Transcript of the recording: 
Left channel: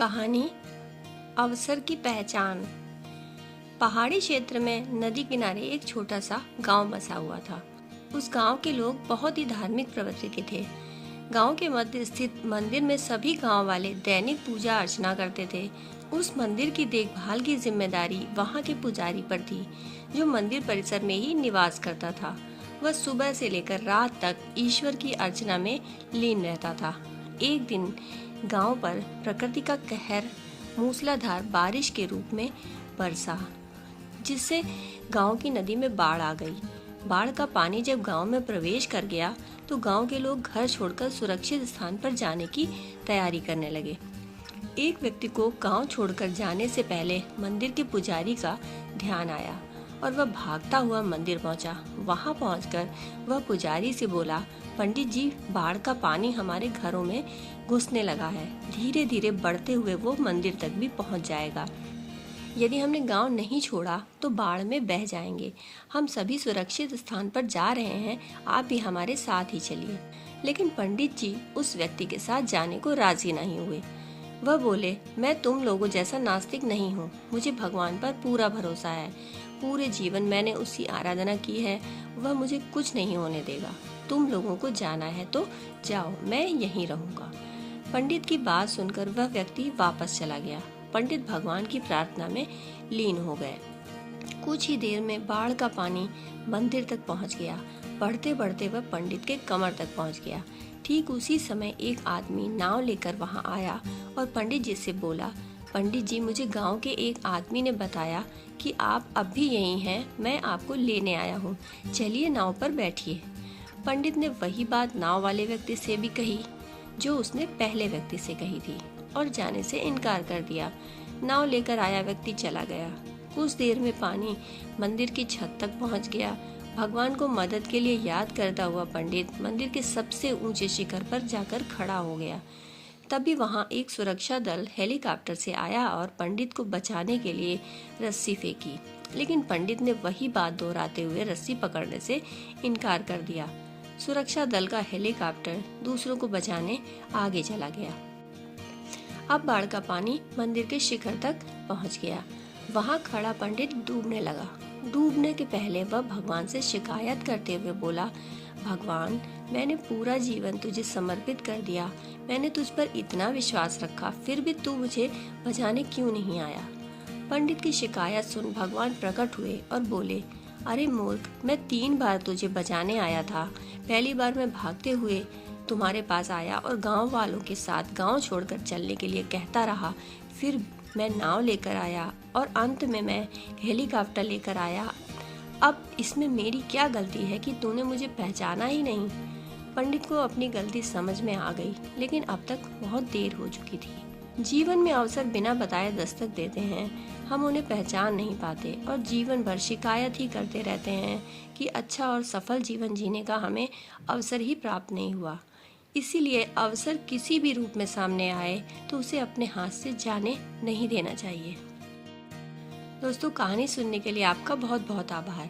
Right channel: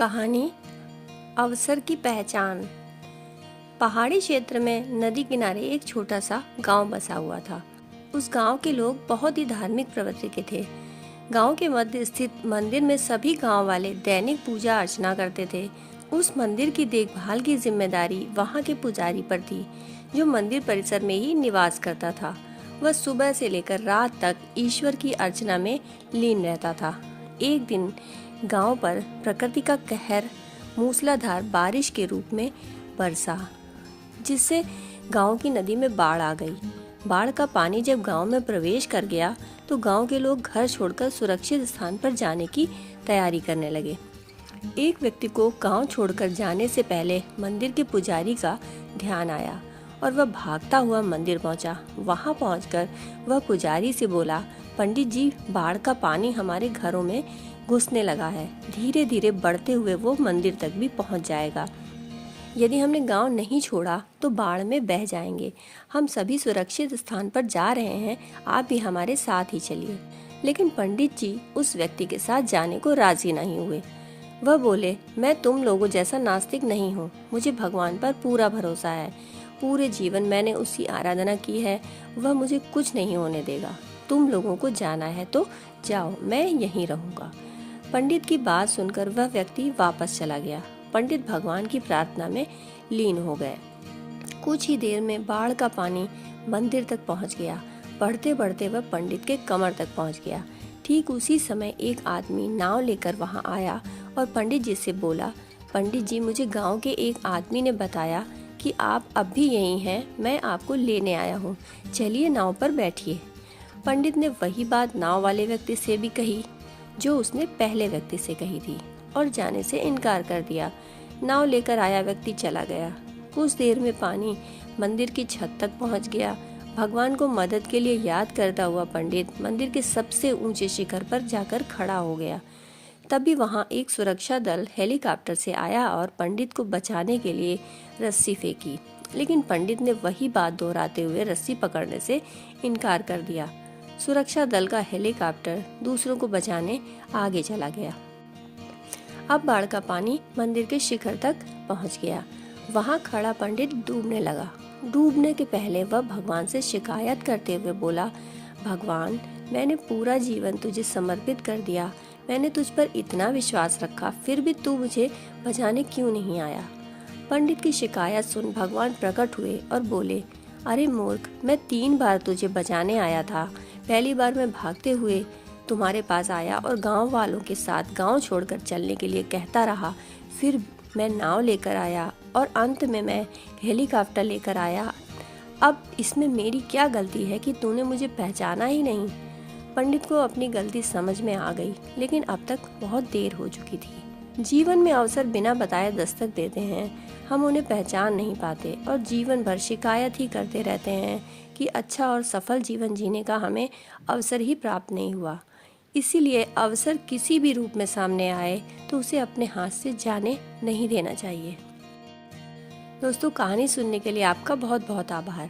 कहानी अवसर की पहचान। पहाड़ी क्षेत्र में नदी किनारे एक छोटा सा गांव बसा हुआ था। उस गांव के लोग बहुत ही धार्मिक प्रवृत्ति के थे। गांव के मध्य स्थित मंदिर में सभी गांव वाले दैनिक पूजा अर्चना करते थे। उस मंदिर की देखभाल की जिम्मेदारी वहां के पुजारी पर थी, जो मंदिर परिसर में ही निवास करता था। वह सुबह से लेकर रात तक ईश्वर की अर्चना में लीन रहता था। एक दिन गांव पर प्रकृति का कहर मूसलाधार बारिश के रूप में बरसा, जिससे गांव की नदी में बाढ़ आ गई। बाढ़ का पानी जब गांव में प्रवेश कर गया तो गांव के लोग घर छोड़कर सुरक्षित स्थान पर जाने की तैयारी करने लगे। एक व्यक्ति को गांव छोड़कर जाने से पहले मंदिर के पुजारी का ध्यान आया और वह भागता हुआ मंदिर पहुंचा। वहां पहुंचकर वह पुजारी से बोला, पंडित जी, बाढ़ का पानी हमारे घरों में घुसने लगा है। धीरे धीरे बढ़ते हुए वो मंदिर तक भी पहुंच जाएगा। यदि हमने गांव नहीं छोड़ा तो बाढ़ में बह जाएंगे। हम सभी सुरक्षित स्थान पर जा रहे हैं, आप भी हमारे साथ ही चलिए। लेकिन पंडित जी उस व्यक्ति के साथ जाने को राजी नहीं हुए। वह बोले, मैं तुम लोगों जैसा नास्तिक नहीं हूँ। मुझे भगवान पर पूरा भरोसा है। पूरे जीवन मैंने उसकी आराधना की है। वह मुझे कुछ नहीं होने देगा। तुम लोगों को जाना है तो जाओ, मैं यहीं रहूंगा। पंडित की बात सुनकर वह व्यक्ति वापस चला गया। पंडित भगवान की प्रार्थना में लीन हो गए। कुछ ही देर में बाढ़ का पानी मंदिर तक पहुंच गया। बढ़ते बढ़ते वह पंडित के कमर तक पहुंच गया। ठीक उसी समय एक आदमी नाव लेकर वहां आया और पंडित जी से बोला, पंडित जी, मुझे गांव के एक आदमी ने बताया कि आप अब भी यहीं हैं। मैं आपको लेने आया हूँ, चलिए नाव पर बैठिए। पंडित ने वही बात नाव वाले व्यक्ति से भी कही जो उसने पहले व्यक्ति से कही थी और जाने से इनकार कर दिया। नाव लेकर आया व्यक्ति चला गया। कुछ देर में पानी मंदिर की छत तक पहुंच गया। भगवान को मदद के लिए याद करता हुआ पंडित मंदिर के सबसे ऊंचे शिखर पर जाकर खड़ा हो गया। तभी वहां एक सुरक्षा दल हेलीकॉप्टर से आया और पंडित को बचाने के लिए रस्सी फेंकी, लेकिन पंडित ने वही बात दोहराते हुए रस्सी पकड़ने से इनकार कर दिया। सुरक्षा दल का हेलीकॉप्टर दूसरों को बचाने आगे चला गया। अब बाढ़ का पानी मंदिर के शिखर तक पहुंच गया। वहां खड़ा पंडित डूबने लगा। डूबने के पहले वह भगवान से शिकायत करते हुए बोला, भगवान, मैंने पूरा जीवन तुझे समर्पित कर दिया। मैंने तुझ पर इतना विश्वास रखा, फिर भी तू मुझे बचाने क्यों नहीं आया? पंडित की शिकायत सुन भगवान प्रकट हुए और बोले, अरे मूर्ख, मैं 3 बार तुझे बचाने आया था। पहली बार मैं भागते हुए तुम्हारे पास आया और गांव वालों के साथ गांव छोड़कर चलने के लिए कहता रहा। फिर मैं नाव लेकर आया और अंत में मैं हेलीकॉप्टर लेकर आया। अब इसमें मेरी क्या गलती है कि तूने मुझे पहचाना ही नहीं? पंडित को अपनी गलती समझ में आ गई, लेकिन अब तक बहुत देर हो चुकी थी। जीवन में अवसर बिना बताए दस्तक देते हैं। हम उन्हें पहचान नहीं पाते और जीवन भर शिकायत ही करते रहते हैं कि अच्छा और सफल जीवन जीने का हमें अवसर ही प्राप्त नहीं हुआ। इसीलिए अवसर किसी भी रूप में सामने आए तो उसे अपने हाथ से जाने नहीं देना चाहिए। दोस्तों, कहानी सुनने के लिए आपका बहुत बहुत आभार।